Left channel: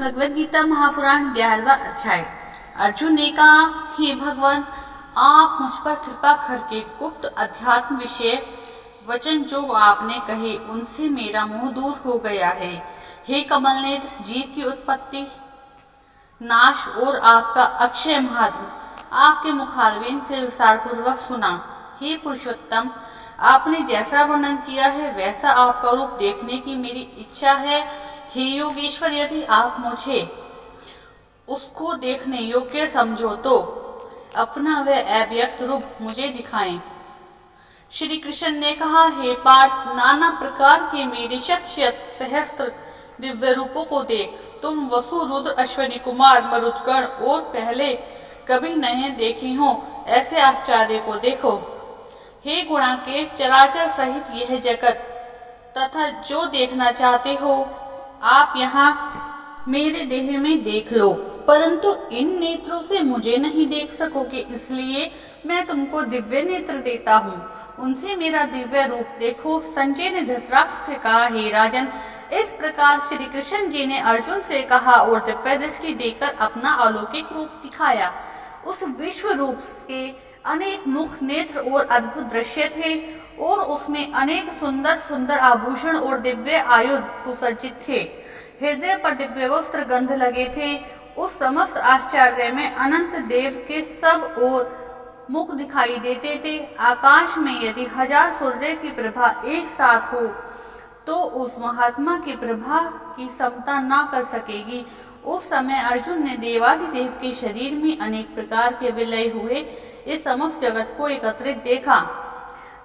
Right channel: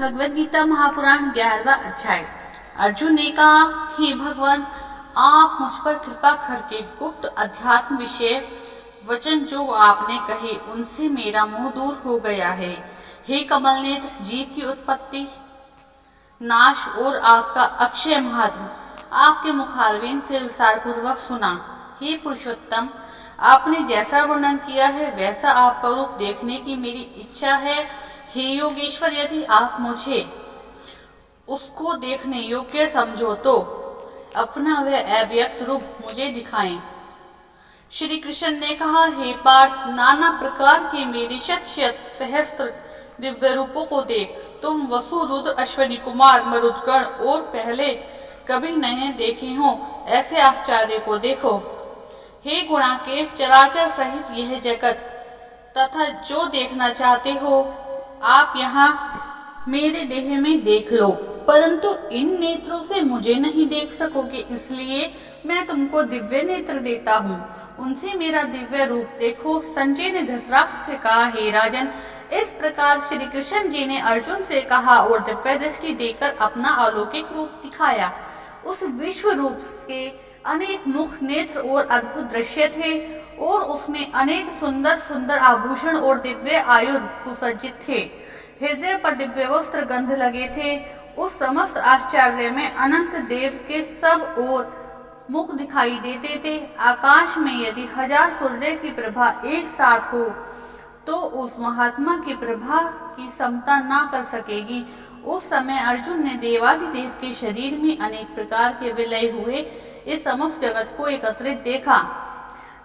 भगवद गीता महापुराण 11वां अध्याय। अर्जुन ने कहा, हे भगवान, आप मुझ पर कृपा करके गुप्त अध्यात्म विषय वचन जो आपने कहे उनसे मेरा मोह दूर हो गया है। हे कमल नेत्र, जीव की उत्पत्ति, नाश और आपका अक्षय महात्म आपके मुखारविंद से विस्तार पूर्वक सुना। हे पुरुषोत्तम, आपने जैसा वर्णन किया है वैसा आपका रूप देखने की मेरी इच्छा है। हे योगेश्वर, यदि आप मुझे उसको देखने योग्य समझो तो अपना वह अव्यक्त रूप मुझे दिखाएं। श्री कृष्ण ने कहा, हे पार्थ, नाना प्रकार के मेरे शत शत सहस्त्र दिव्य रूपों को देख। तुम वसु, रुद्र, अश्विनी कुमार, मरुदगण और पहले कभी नहीं देखे हो ऐसे आश्चर्य को देखो। हे गुणाकेश, चराचर सहित यह जगत तथा जो देखना चाहते हो आप यहाँ मेरे देह में देख लो, परंतु इन नेत्रों से मुझे नहीं देख सकोगे, इसलिए मैं तुमको दिव्य नेत्र देता हूँ, उनसे मेरा दिव्य रूप देखो। संजय ने धृतराष्ट्र से कहा, हे राजन, इस प्रकार श्री कृष्ण जी ने अर्जुन से कहा और दिव्य दृष्टि देकर अपना अलौकिक रूप दिखाया। उस विश्व रूप के अनेक मुख, नेत्र और अद्भुत दृश्य थे और उसमें अनेक सुंदर सुंदर आभूषण और दिव्य आयुध सुसज्जित थे। हृदय पर दिव्य वस्त्र गंध लगे थे। उस समस्त आश्चर्य में अनंत देव के सब ओर मुख दिखाई देते थे। आकाश में यदि 1000 सूर्य की प्रभा एक साथ हो तो उस महात्मा की प्रभा की समता ना कर सकेगी। उस समय अर्जुन ने देवाधिदेव के शरीर में अनेक प्रकार के विलय हुए इस समस्त जगत को एकत्रित देखा।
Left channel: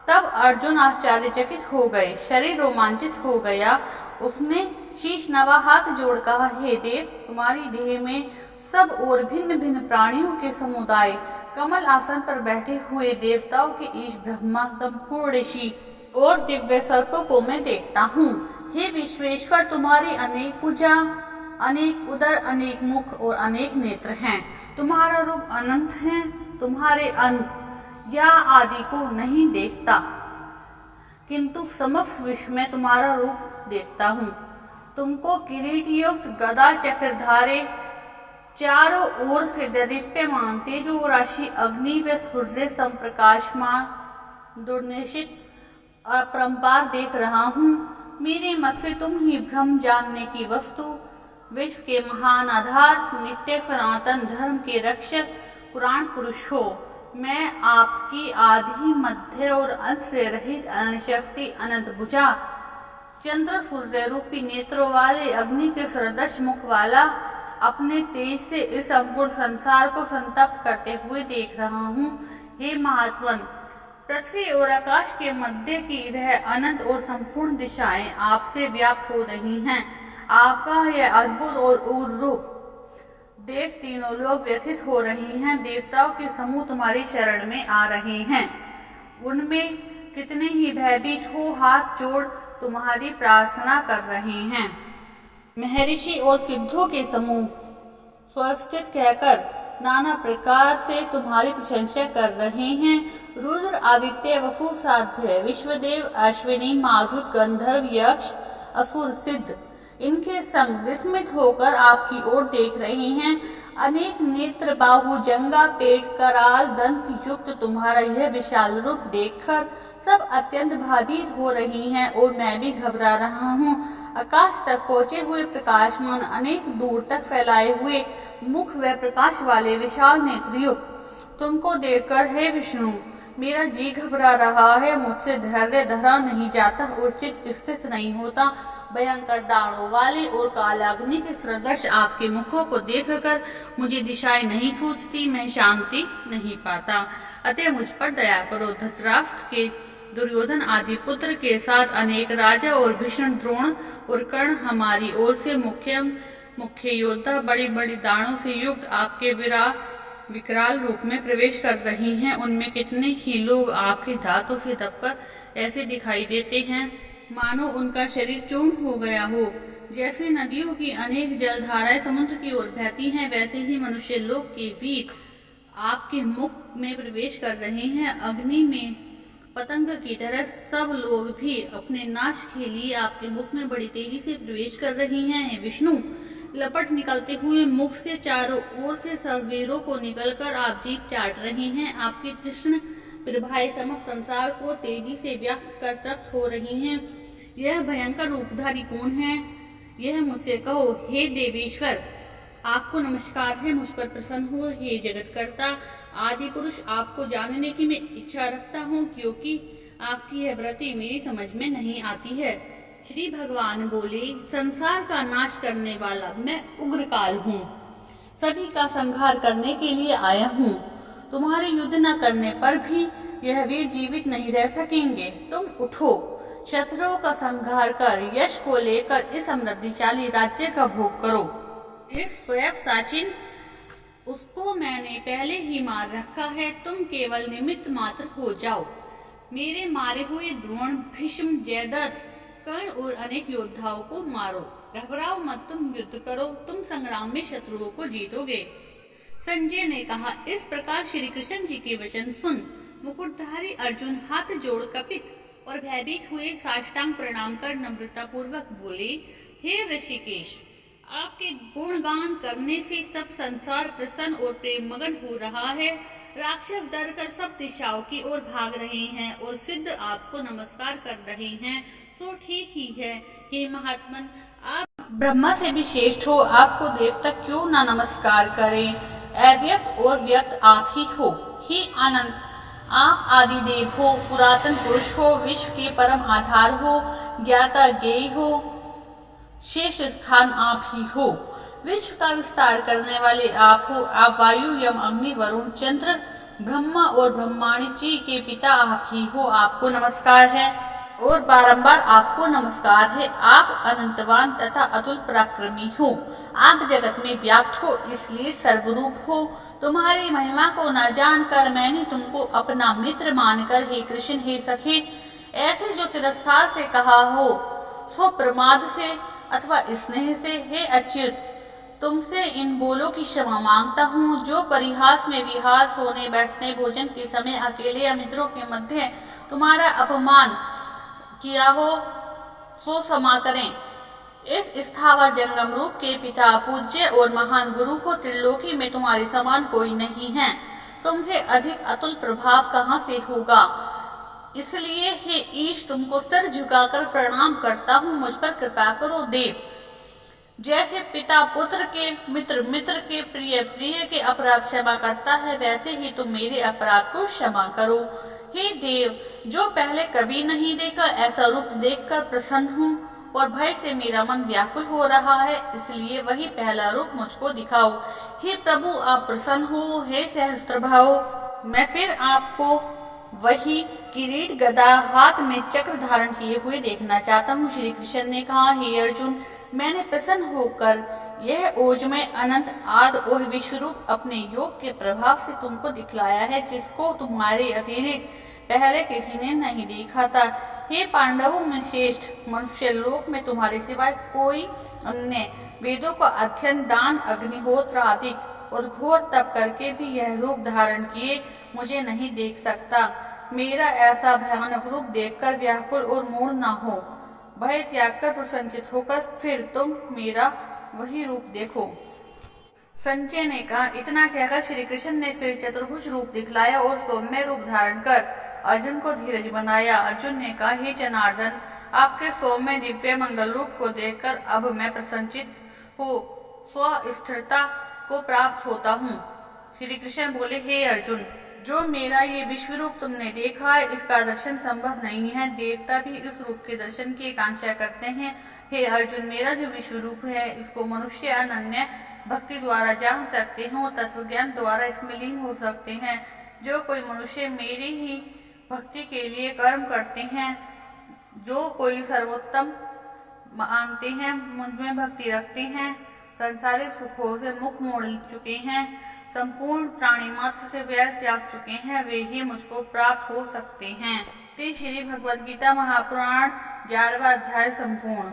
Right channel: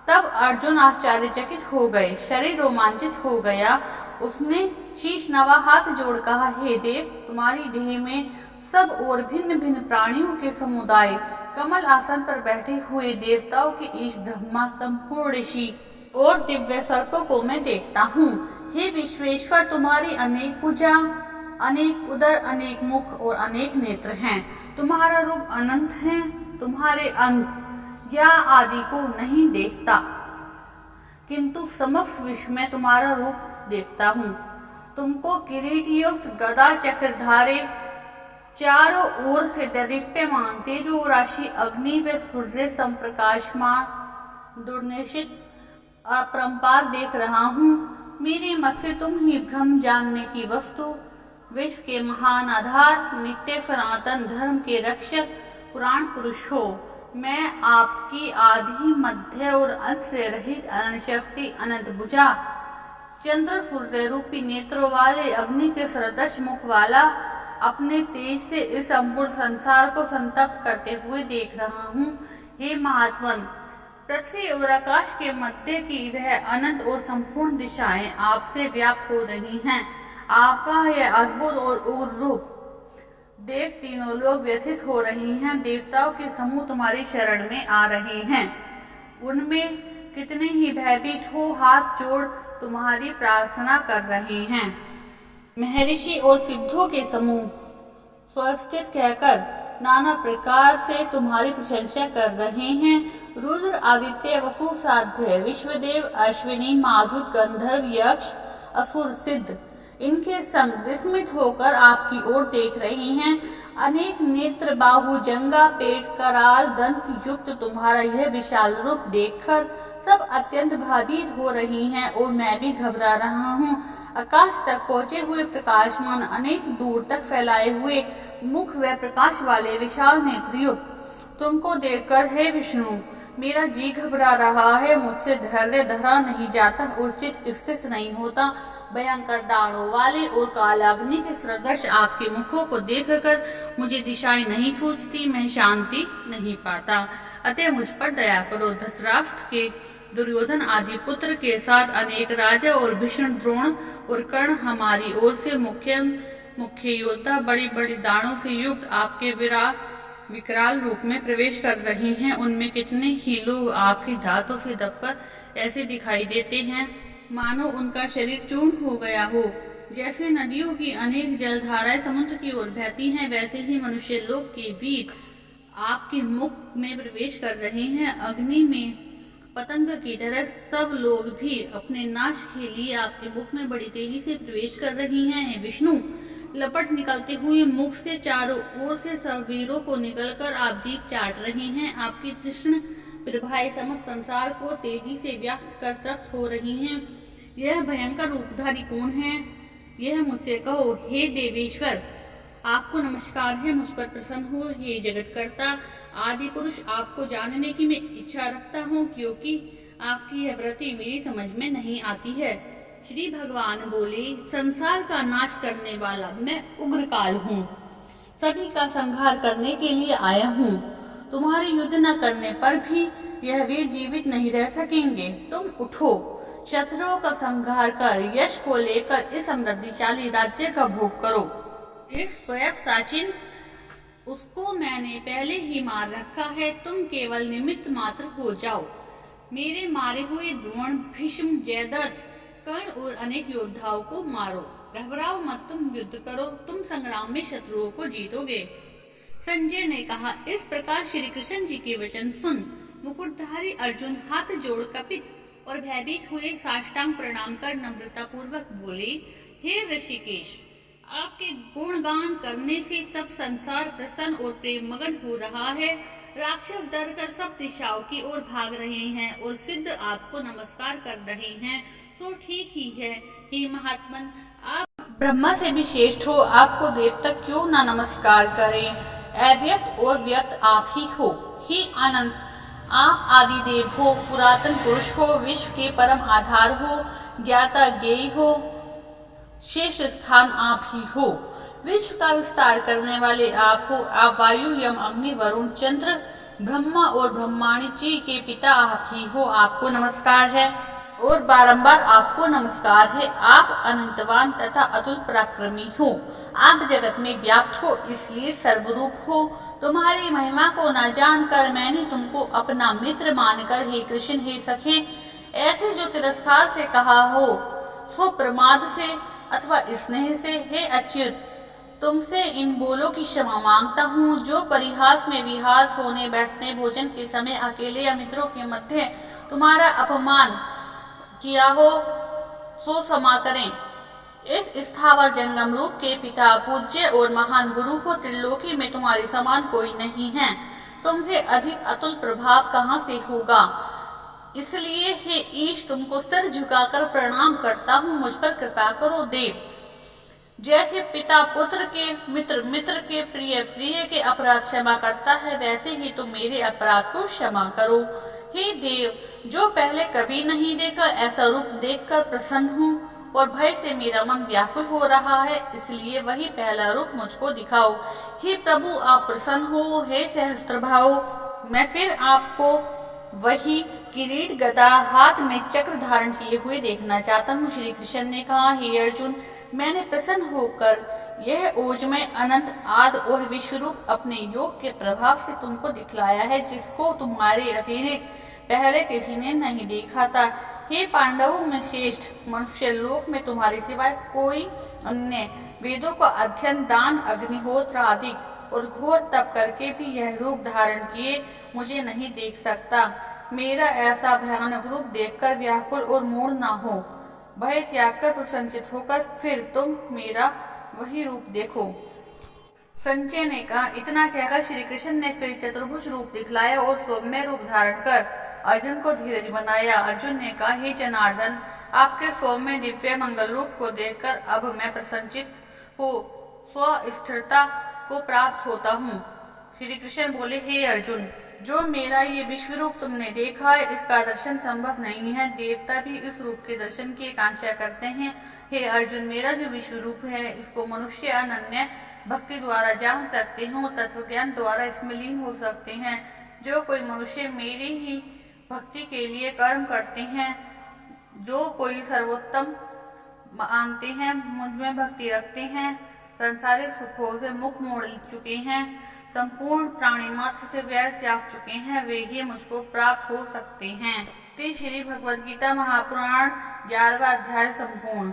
तब अर्जुन आश्चर्यचकित हो गए, शरीर रोमांचित हो गया। उसने शीश नवा हाथ जोड़ कहा, हे देव, तुम्हारी देह में सब और भिन्न भिन्न प्राणियों के समुदाय, कमल आसन पर बैठे हुए देवताओं के ईश, ब्रह्मा, संपूर्ण ऋषि और दिव्य सर्पों को मैं देखता हूँ। हे विश्वेश्वर, तुम्हारी अनेक भुजा, अनेक उदर, अनेक मुख और अनेक नेत्र हैं। तुम्हारा रूप अनंत है, तुम्हारे अंत या आदि को नहीं देखता, किंतु समस्त विश्व में तुम्हारा रूप देखता हूँ। तुमको किरीट युक्त गदा चक्रधारे, चारों ओर से दीप्यमान तेजो राशि अग्नि व सूर्य संप्रकाशमान दुर्निशित अपरंपार देख रहा हूँ। मेरे मत से तुम ही ब्रह्म जानने की वस्तु, विश्व के महान आधार, नित्य सनातन धर्म के रक्षक, पुराण पुरुष हो। मैं आपकी आदि, मध्य और अंत से रहित अनंत शक्ति, अनंत भुजा, चंद्र सूर्य रूपी नेत्रों वाले, अग्नि के सदृश मुख वाला, अपने तेज से इस संपूर्ण संसार को संतप्त करते हुए देख रहा हूँ। हे महात्मन, पृथ्वी और आकाश के मध्य की वह अनंत और संपूर्ण दिशाएं आपसे व्याप्त हो रही हैं। आपका यह अद्भुत और उग्र रूप देख तीनों लोग व्यथित हो रहे हैं। देवताओं के समूह तुम्हारी शरण में आ रहे हैं, उनमें कितने ही भयभीत हो हाथ जोड़ तुम्हारी प्रार्थना कर रहे हैं। महर्षि और सिद्धों के समूह स्वस्थित कहकर नाना प्रकार से तुम्हारी प्रशंसा कर रहे हैं। रुद्र, आदित्य, वसु, साध्य, विश्वदेव, अश्विनी, मारुत, गंधर्व, यक्ष, असुर, सिद्ध इनके संग विस्मित होकर आपकी ओर देख रहे हैं। अनेक नेत्र, बाहु, जंगा, पेट, कराल, दंत युक्त तुम्हारा यह विशाल रूप देखकर सब अत्यंत भयभीत हो रही हैं और मैं भी घबरा रहा हूँ। आकाश तक पहुँचे हुए प्रकाशमान, अनेक दूर तक फैलाए हुए मुख व प्रकाश वाले विशाल नेत्रयुक्त तुमको देखकर हे विष्णु, मेरा जी घबरा रहा है। मुझसे धैर्य धरा नहीं जाता और चित्त स्थिर नहीं होता। भयंकर दाढ़ों वाले और कालाग्नि के सदृश आपके मुखों को देखकर मुझे दिशाएं नहीं सूझती, मैं शांति नहीं पाता। अतः मुझ पर दया करो। धृतराष्ट्र के, दुर्योधन आदि पुत्र के साथ अनेक राजा और भीष्म, द्रोण और कर्ण हमारी ओर से मुख्य योद्धा बड़ी बड़ी दाढ़ों से युक्त आपके विकराल रूप में प्रवेश कर रहे हैं। उनमें कितने ही लोग आपके दांतों से दबकर ऐसे दिखाई देते हैं मानो उनका शरीर चूर्ण हो गया हो। जैसे नदियों की अनेक जलधाराएं समुद्र की ओर बहती हैं, वैसे ही मनुष्य लोक के वीर आपके मुख में प्रवेश कर रहे हैं। अग्नि में पतंग की तरह सब लोग भी अपने नाश के लिए आपके मुख में बड़ी तेजी से प्रवेश कर रही हैं। विष्णु, लपट निकलते हुए मुख से चारों ओर से सब वीरों को निकलकर आप जीभ चाट रही हैं। आपकी कृष्ण प्रभाएं समस्त संसार को तेजी से व्याप्त कर तृप्त हो रही हैं। यह भयंकर रूपधारी कौन है? यह मुझसे कहो। हे देवेश्वर, आपको नमस्कार है। मुझ पर प्रसन्न हो। हे जगतकर्ता आदि पुरुष, आपको जानने की मैं इच्छा रखता हूँ, क्योंकि आपकी यह वृत्ति मेरी समझ में नहीं आती है। श्री भगवान बोले, संसार का नाश करने वाला मैं उग्रकाल हूँ। सभी का संहार करने के लिए आया हूँ। तुम्हारे युद्ध न करने पर भी यह वीर जीवित नहीं रह सकेंगे। तुम उठो, शत्रुओं का संहार कर यश को लेकर इस समृद्धिशाली राज्य का भोग करो। इस स्वयं साचिन, उसको मैंने पहले ही मार रखा है। तुम केवल निमित्त मात्र हो जाओ। मेरे मारे हुए द्रोण, भीष्म, जयद्रथ, कर्ण और अनेक योद्धाओं को मारो। घबराओ मत, तुम युद्ध करो। तुम संग्राम में शत्रुओं को जीतोगे। संजय ने कहा, इस प्रकार श्री कृष्ण जी के वचन सुन मुकुटधारी अर्जुन हाथ जोड़ कपित और भयभीत हुए साष्टांग प्रणाम कर नम्रता पूर्वक बोले, हे ऋषिकेश, आपके गुणगान करने से सब संसार प्रसन्न और प्रेम मगन हो रहा है। राक्षस डर कर सब दिशाओं की ओर भाग रहे हैं और सिद्ध आपको नमस्कार कर रहे हैं। तो ठीक ही है। हे महात्मन, आप ब्रह्मा से भी श्रेष्ठ हो। आपको देवता क्यों न नमस्कार करें? अव्यक्त और व्यक्त आप ही हो। हे अनंत, आप आदि देव हो, पुरातन पुरुष हो, विश्व के परम आधार हो, ज्ञाता ज्ञेय हो, श्रेष्ठ स्थान आप ही हो। विश्व का विस्तार करने वाले आप हो। आप वायु, यम, अग्नि, वरुण, चंद्र, ब्रह्मा और ब्रह्माणी जी के पिता आप ही हो। आपको नमस्कार है और बारंबार आपको नमस्कार है। आप अनंतवान तथा अतुल पराक्रमी हो। आप जगत में व्याप्त हो, इसलिए सर्वरूप हो। तुम्हारी महिमा को न जानकर मैंने तुमको अपना मित्र मानकर हे कृष्ण, हे सखे, ऐसे जो तिरस्कार से कहा हो, सो प्रमाद से अथवा स्नेह से, हे अच्युत, तुमसे इन बोलों की क्षमा मांगता हूँ। जो परिहास में विहार, सोने बैठने, भोजन के समय अकेले या मित्रों के मध्य तुम्हारा अपमान किया हो, सो क्षमा करें। इस स्थावर जंगम रूप के पिता, पूज्य और महान गुरु हो। त्रिलोकी में तुम्हारे समान कोई नहीं है। तुमसे अधिक अतुल प्रभाव कहाँ से होगा? इसलिए हे ईश, तुमको सिर झुकाकर प्रणाम करता हूँ। मुझ पर कृपा करो देव। जैसे पिता पुत्र के, मित्र मित्र के, प्रिय प्रिय के अपराध क्षमा करता है, वैसे ही तुम मेरे अपराध को क्षमा करो। हे देव, जो पहले कभी नहीं देखा ऐसा रूप देखकर प्रसन्न हूँ और भय से मेरा मन व्याकुल हो रहा है, इसलिए वही पहला रूप मुझको दिखाओ। हे प्रभु, आप प्रसन्न हो। हे सहस्त्रभाव, मैं फिर आपको वही किरीट, गदा, हाथ में चक्र धारण किए हुए देखना चाहता हूँ। श्री कृष्ण ने कहा, हे अर्जुन, मैंने प्रसन्न होकर यह ओजमय, अनंत, आदि और विश्वरूप अपने योग के प्रभाव से तुमको दिखलाया है, जिसको तुम्हारे अतिरिक्त पहले किसी ने नहीं देखा था। हे पांडवों में श्रेष्ठ, मनुष्य लोक में तुम्हारे सिवाय कोई अन्य वेदों का अध्ययन, दान, अग्निहोत्र आदि और घोर तप करके भी यह रूप धारण किए मुझे नहीं देख सकता। मेरा ऐसा भयानक रूप देखकर व्याकुल और मूढ़ न हो। भय त्याग कर प्रसन्नचित होकर फिर तुम मेरा वही रूप देखो। संजय ने कहा, इतना कहकर श्री कृष्ण ने फिर चतुर्भुज रूप दिखलाया और सौम्य रूप धारण कर अर्जुन को धीरज बनाया। अर्जुन ने कहा, हे जनार्दन, आपके सौम्य दिव्य मंगल रूप को देखकर अब मैं प्रसन्नचित हो स्वस्थिरता को प्राप्त होता हूँ। श्री कृष्ण बोले, हे अर्जुन, जो मेरा ये विश्व रूप तुमने देखा है, इसका दर्शन संभव नहीं है। देवता भी इस रूप के दर्शन की आकांक्षा करते हैं। हे अर्जुन, मेरा जो विश्व रूप है, इसको मनुष्य अनन्य भक्ति द्वारा जान सकते हैं और तत्व ज्ञान द्वारा इसमें लीन हो सकते हैं। जो कोई मनुष्य मेरी ही भक्ति के लिए कर्म करते हैं, जो कोई सर्वोत्तम मानते हैं, मुझ में भक्ति रखते हैं, संसारिक सुखों से मुख मोड़ चुके हैं, संपूर्ण प्राणी मात्र से वैर त्याग चुके हैं, वे ही मुझको प्राप्त हो सकते हैं। श्री भगवद गीता महापुराण 11वां अध्याय संपूर्ण।